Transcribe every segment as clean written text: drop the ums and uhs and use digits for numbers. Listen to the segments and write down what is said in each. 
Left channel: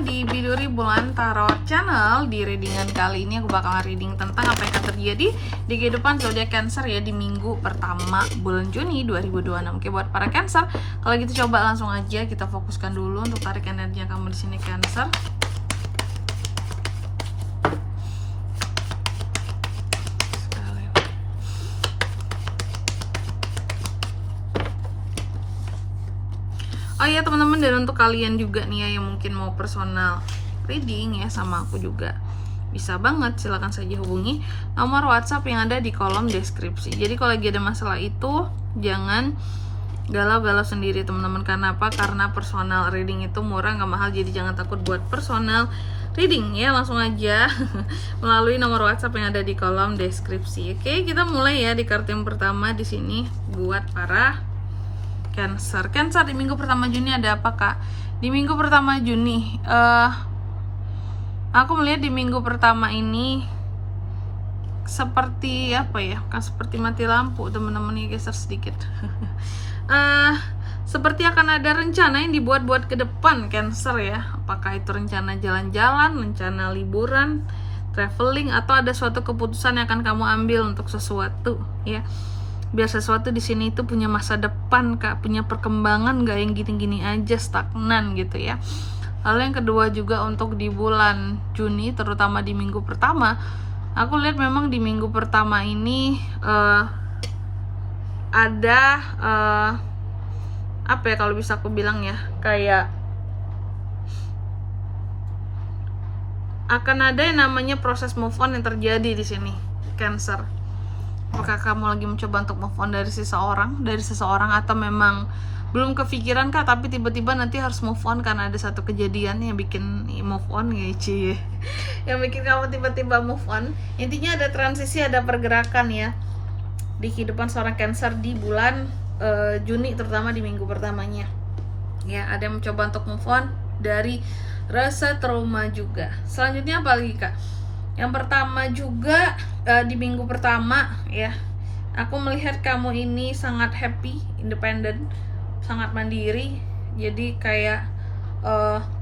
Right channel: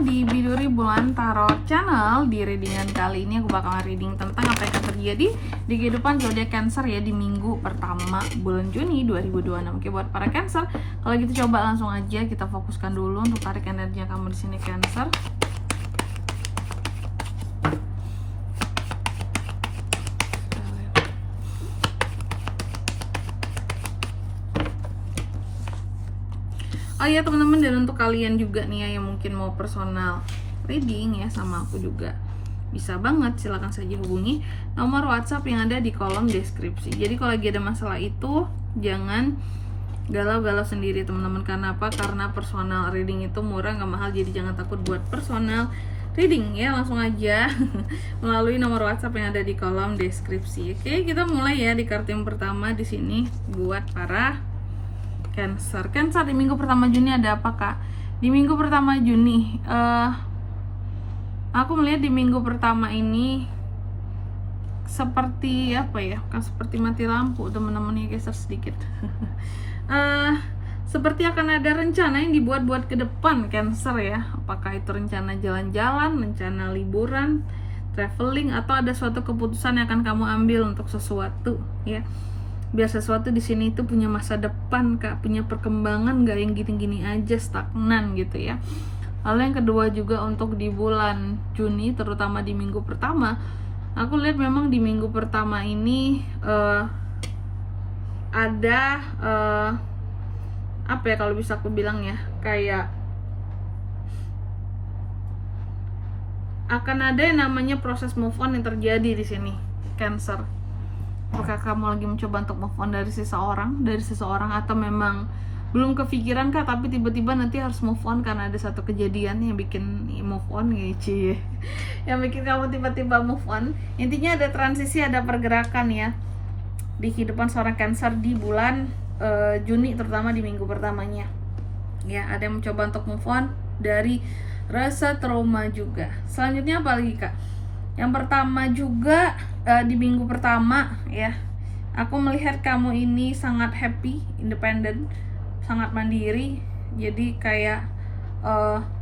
ketemu di Biduri Bulan Tarot Channel. Di readingan kali ini aku bakal reading tentang apa yang akan terjadi di kehidupan zodiak Cancer ya di minggu pertama bulan Juni 2026. Oke, buat para Cancer, kalau gitu coba langsung aja kita fokuskan dulu untuk tarik energinya kamu di sini Cancer. Oh iya teman-teman, dan untuk kalian juga nih ya yang mungkin mau personal reading ya sama aku juga, bisa banget, silahkan saja hubungi nomor WhatsApp yang ada di kolom deskripsi. Jadi kalau lagi ada masalah itu jangan galau-galau sendiri teman-teman. Karena apa? Karena personal reading itu murah, nggak mahal, jadi jangan takut buat personal reading ya, langsung aja melalui nomor WhatsApp yang ada di kolom deskripsi. Oke, kita mulai ya di kartu yang pertama di sini buat para Cancer. Cancer di minggu pertama Juni ada apa kak? Di minggu pertama Juni, aku melihat di minggu pertama ini seperti apa ya? Kan seperti mati lampu teman-teman ya, geser sedikit. Seperti akan ada rencana yang dibuat-buat ke depan Cancer ya. Apakah itu rencana jalan-jalan, rencana liburan, traveling, atau ada suatu keputusan yang akan kamu ambil untuk sesuatu ya. Biar sesuatu di sini itu punya masa depan kak, punya perkembangan, nggak yang gini-gini aja stagnan gitu ya. Lalu yang kedua juga untuk di bulan Juni, terutama di minggu pertama, aku lihat memang di minggu pertama ini ada apa ya kalau bisa aku bilang ya, kayak akan ada yang namanya proses move on yang terjadi di sini Cancer. Apakah kamu lagi mencoba untuk move on dari seseorang, atau memang belum kepikiran kak, tapi tiba-tiba nanti harus move on karena ada satu kejadian yang bikin move on ya cie, yang bikin kamu tiba-tiba move on. Intinya ada transisi, ada pergerakan ya di kehidupan seorang Cancer di bulan Juni, terutama di minggu pertamanya ya. Ada yang mencoba untuk move on dari rasa trauma juga. Selanjutnya apa lagi kak? Yang pertama juga di minggu pertama ya, aku melihat kamu ini sangat happy, independen, sangat mandiri. Jadi kayak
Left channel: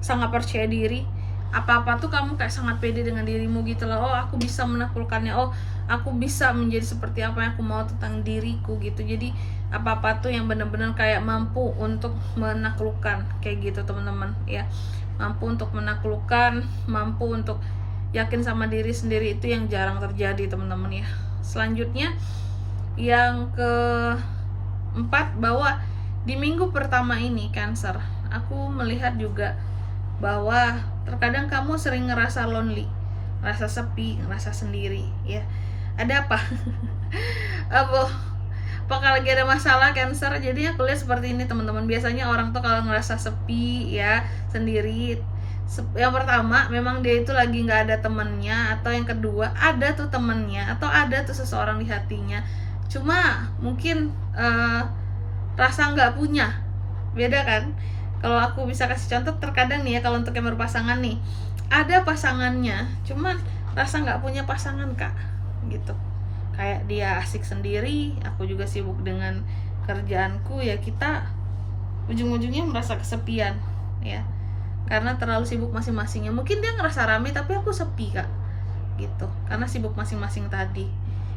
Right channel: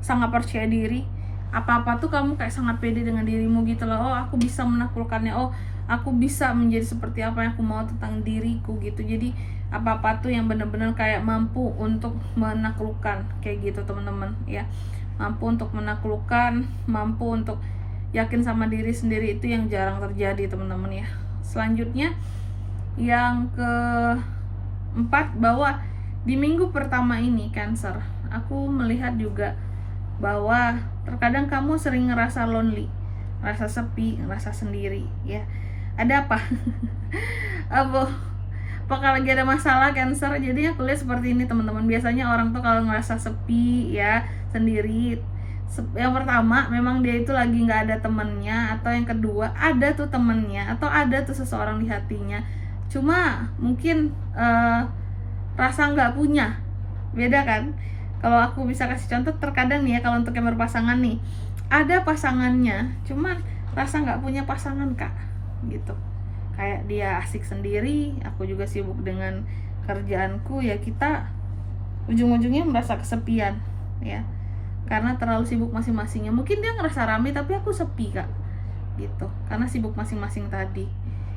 sangat percaya diri. Apa-apa tuh kamu kayak sangat pede dengan dirimu gitu loh. Oh aku bisa menaklukkannya, oh aku bisa menjadi seperti apa yang aku mau tentang diriku gitu. Jadi apa-apa tuh yang benar-benar kayak mampu untuk menaklukkan kayak gitu teman-teman ya. Mampu untuk menaklukkan, mampu untuk yakin sama diri sendiri, itu yang jarang terjadi teman-teman ya. Selanjutnya yang keempat, bahwa di minggu pertama ini Cancer, aku melihat juga bahwa terkadang kamu sering ngerasa lonely, ngerasa sepi, ngerasa sendiri ya. Ada apa? Apakah lagi ada masalah Cancer? Jadi aku lihat seperti ini teman-teman. Biasanya orang tuh kalau ngerasa sepi ya, sendiri, yang pertama memang dia itu lagi nggak ada temennya, atau yang kedua ada tuh temennya, atau ada tuh seseorang di hatinya, cuma mungkin rasa nggak punya. Beda kan? Kalau aku bisa kasih contoh, terkadang nih ya, kalau untuk yang berpasangan nih, ada pasangannya cuman rasa nggak punya pasangan kak gitu. Kayak dia asik sendiri, aku juga sibuk dengan kerjaanku ya, kita ujung-ujungnya merasa kesepian ya, karena terlalu sibuk masing-masingnya. Mungkin dia ngerasa rame tapi aku sepi kak gitu, karena sibuk masing-masing tadi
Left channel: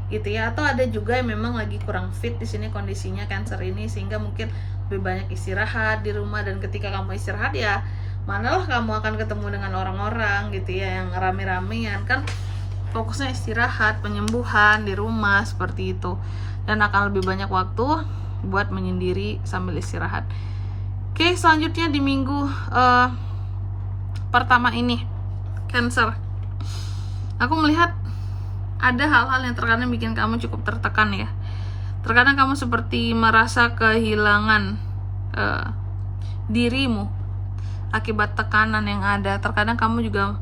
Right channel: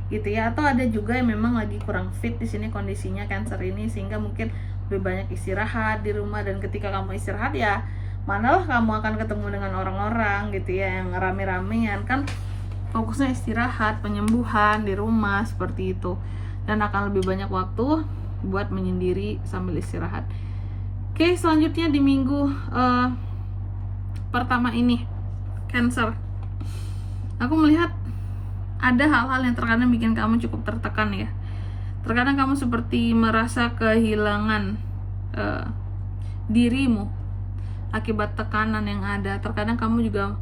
gitu ya. Atau ada juga yang memang lagi kurang fit di sini kondisinya Cancer ini, sehingga mungkin lebih banyak istirahat di rumah. Dan ketika kamu istirahat ya, manalah kamu akan ketemu dengan orang-orang gitu ya yang rame-ramean, kan fokusnya istirahat, penyembuhan di rumah seperti itu, dan akan lebih banyak waktu buat menyendiri sambil istirahat. Oke, selanjutnya di minggu pertama ini Cancer, aku melihat ada hal-hal yang terkadang bikin kamu cukup tertekan ya. Terkadang kamu seperti merasa kehilangan dirimu akibat tekanan yang ada. Terkadang kamu juga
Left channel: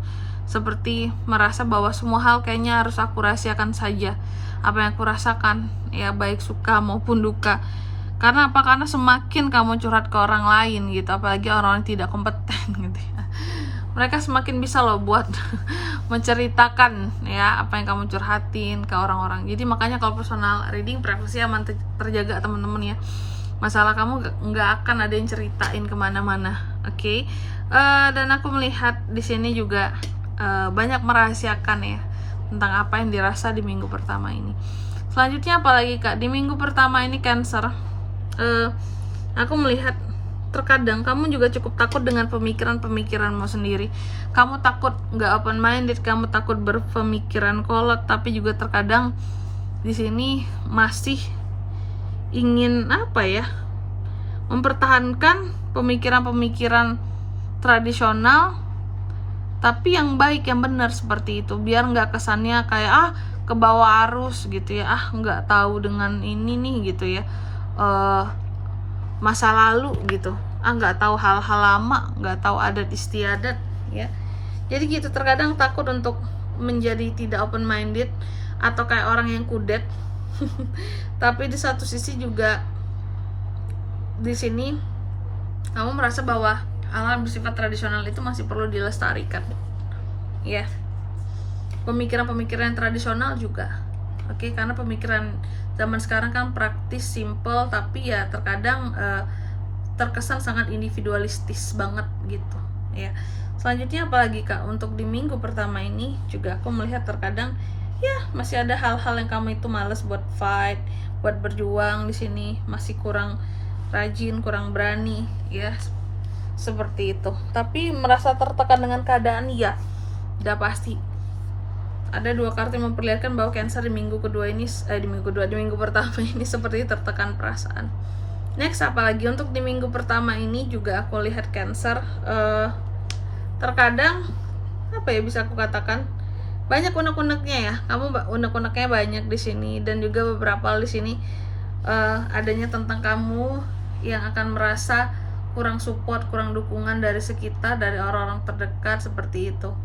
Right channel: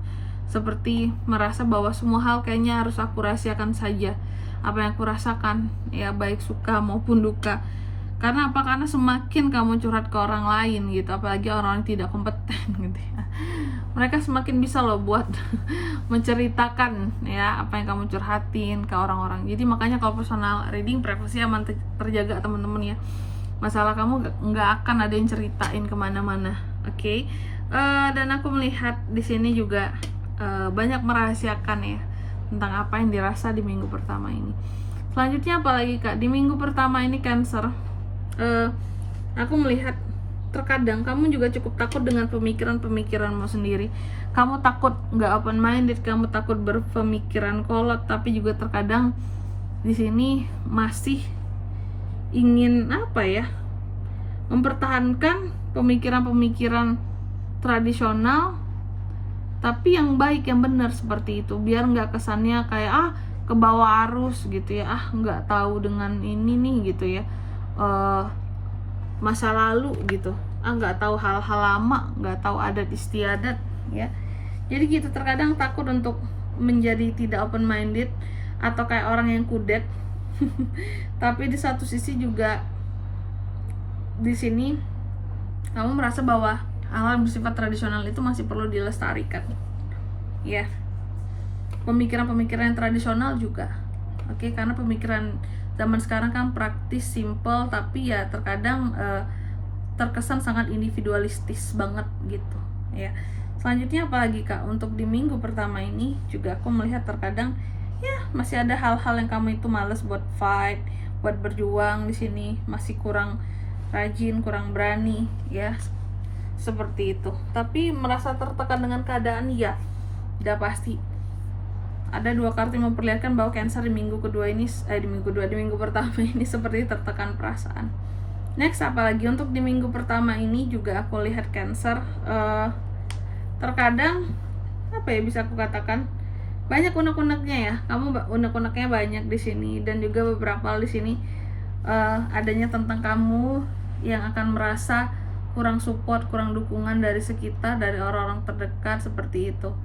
seperti merasa bahwa semua hal kayaknya harus aku rahasiakan saja, apa yang aku rasakan ya, baik suka maupun duka. Karena apa? Karena semakin kamu curhat ke orang lain gitu, apalagi orang-orang yang tidak kompeten gitu ya, mereka semakin bisa loh buat menceritakan ya apa yang kamu curhatin ke orang-orang. Jadi makanya kalau personal reading, privasi aman terjaga teman-teman ya. Masalah kamu nggak akan ada yang ceritain kemana-mana. Oke? Dan aku melihat di sini juga banyak merahasiakan ya tentang apa yang dirasa di minggu pertama ini. Selanjutnya apalagi Kak, di minggu pertama ini Cancer, aku melihat terkadang kamu juga cukup takut dengan pemikiranmu sendiri. Kamu takut nggak open minded, kamu takut berpemikiran kolot, tapi juga terkadang di sini masih ingin mempertahankan pemikiran-pemikiran tradisional, tapi yang baik, yang benar seperti itu, biar nggak kesannya kayak ke bawah arus gitu ya, nggak tahu dengan ini nih gitu ya, masa lalu gitu, nggak tahu hal-hal lama, nggak tahu adat istiadat ya. Jadi gitu, terkadang takut untuk menjadi tidak open minded atau kayak orang yang kudet. Tapi di satu sisi juga di sini kamu merasa bahwa hal-hal bersifat tradisional itu masih perlu dilestarikan ya. Pemikiran-pemikiran tradisional juga oke, karena pemikiran zaman sekarang kan praktis, simple, tapi ya terkadang terkesan sangat individualistis banget gitu ya. Selanjutnya apalagi Kak, untuk di minggu pertama ini juga aku melihat terkadang ya masih ada hal-hal yang kamu itu males buat fight, buat berjuang di sini, masih kurang rajin, kurang berani ya, seperti itu. Tapi merasa tertekan dengan keadaan, ya udah pasti. Ada dua kartu yang memperlihatkan bahwa Cancer di minggu pertama ini seperti tertekan perasaan. Next, apalagi untuk di minggu pertama ini juga aku lihat Cancer terkadang bisa aku katakan banyak unek-uneknya ya. Kamu unek-uneknya banyak di sini, dan juga beberapa hal di sini adanya tentang kamu yang akan merasa kurang support, kurang dukungan dari sekitar, dari orang-orang terdekat, seperti itu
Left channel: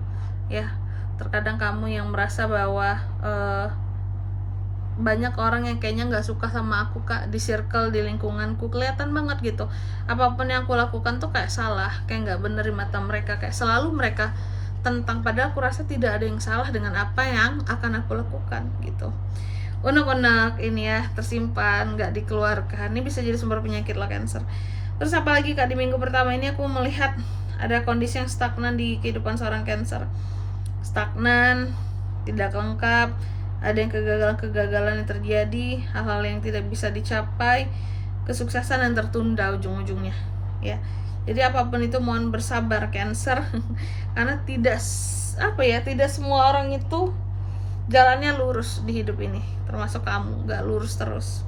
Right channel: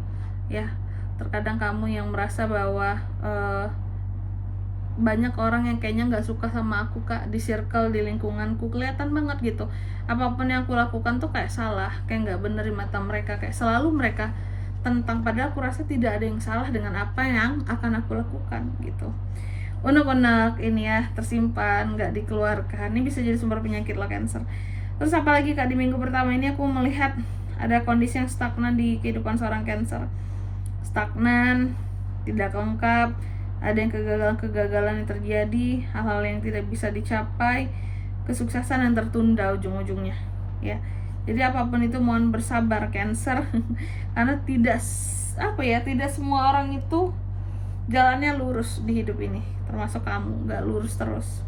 ya. Terkadang kamu yang merasa bahwa banyak orang yang kayaknya nggak suka sama aku Kak, di circle, di lingkunganku, kelihatan banget gitu. Apapun yang aku lakukan tuh kayak salah, kayak nggak bener di mata mereka, kayak selalu mereka tentang, padahal aku rasa tidak ada yang salah dengan apa yang akan aku lakukan gitu. Unek-unek ini ya tersimpan, nggak dikeluarkan, ini bisa jadi sumber penyakit lah Cancer. Terus apalagi Kak, di minggu pertama ini aku melihat ada kondisi yang stagnan di kehidupan seorang Cancer. Stagnan, tidak lengkap, ada yang kegagalan yang terjadi, hal-hal yang tidak bisa dicapai, kesuksesan yang tertunda ujung-ujungnya ya. Jadi apapun itu mohon bersabar Cancer. Karena tidak semua orang itu jalannya lurus di hidup ini, termasuk kamu, gak lurus terus,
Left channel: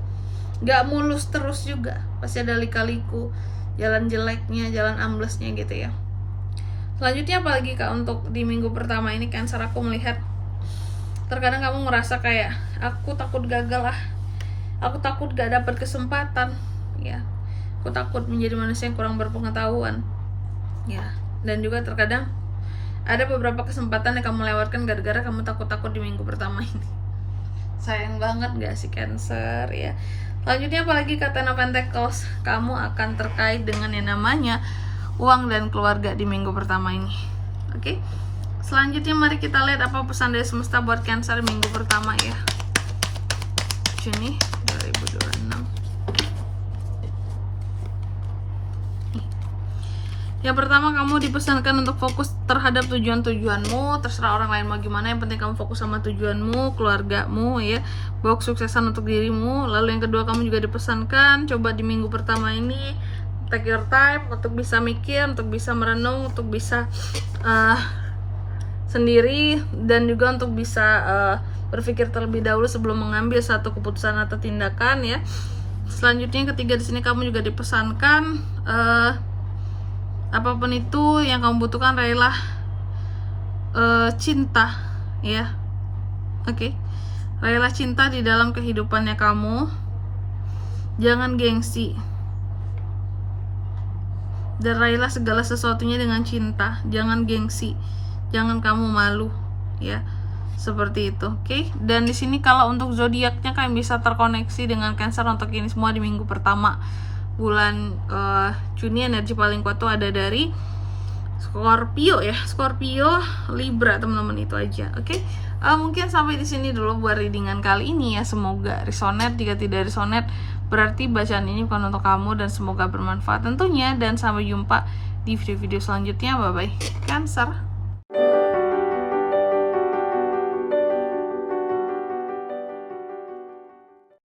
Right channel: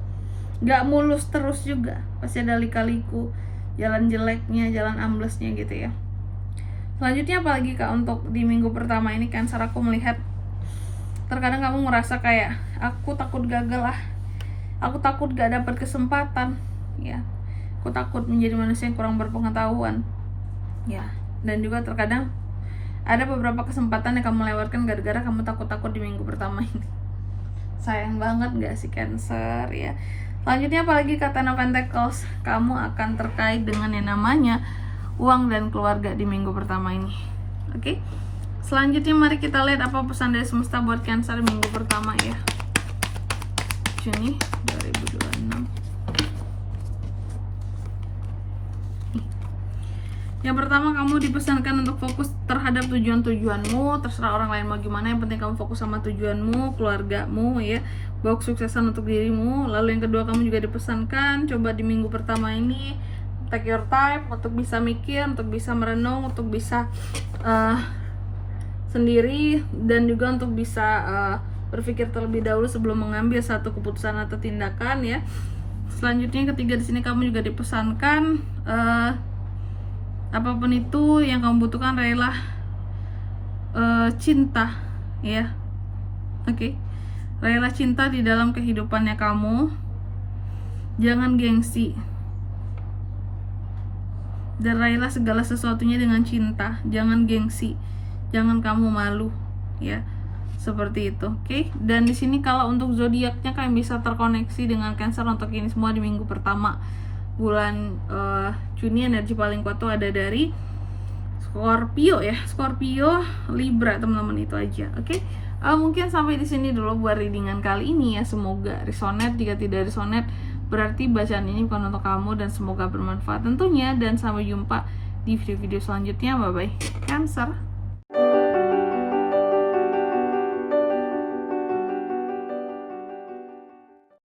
gak mulus terus juga, pasti ada lika-liku, jalan jeleknya, jalan amblesnya gitu ya. Selanjutnya apalagi Kak, untuk di minggu pertama ini Cancer, aku melihat terkadang kamu ngerasa kayak aku takut gagal aku takut gak dapat kesempatan ya, aku takut menjadi manusia yang kurang berpengetahuan ya. Dan juga terkadang ada beberapa kesempatan yang kamu lewatkan gara-gara kamu takut-takut di minggu pertama ini. Sayang banget gak sih Cancer ya. Selanjutnya apalagi Kak, Ten of Pentacles, kamu akan terkait dengan yang namanya uang dan keluarga di minggu pertama ini. Oke. Selanjutnya mari kita lihat apa pesan dari semesta buat Cancer minggu pertama ya, Juni 2026. Yang pertama, kamu dipesankan untuk fokus terhadap tujuan-tujuanmu. Terserah orang lain mau gimana, yang penting kamu fokus sama tujuanmu, keluargamu ya, bawa kesuksesan untuk dirimu. Lalu yang kedua, kamu juga dipesankan coba di minggu pertama ini take your time untuk bisa mikir, untuk bisa merenung, untuk bisa sendiri, dan juga untuk bisa berpikir terlebih dahulu sebelum mengambil satu keputusan atau tindakan ya. Selanjutnya yang ketiga, di sini kamu juga dipesankan apapun itu yang kamu butuhkan, raihlah cinta ya. Oke. Raihlah cinta di dalam kehidupannya kamu. Jangan gengsi. Dan raihlah segala sesuatunya dengan cinta. Jangan gengsi. Jangan kamu malu ya. Seperti itu. Oke. Dan di sini kalau untuk zodiaknya kalian bisa terkoneksi dengan Cancer untuk ini semua di minggu pertama bulan Juni. Energi paling kuat tuh ada dari Scorpio ya, Scorpio, Libra, teman-teman, itu aja. Oke. Mungkin sampai di sini dulu buat readingan kali ini ya. Semoga resonate. Jika tidak resonate, berarti bacaan ini bukan untuk kamu, dan semoga bermanfaat tentunya. Dan sampai jumpa di video-video selanjutnya. Bye bye Cancer.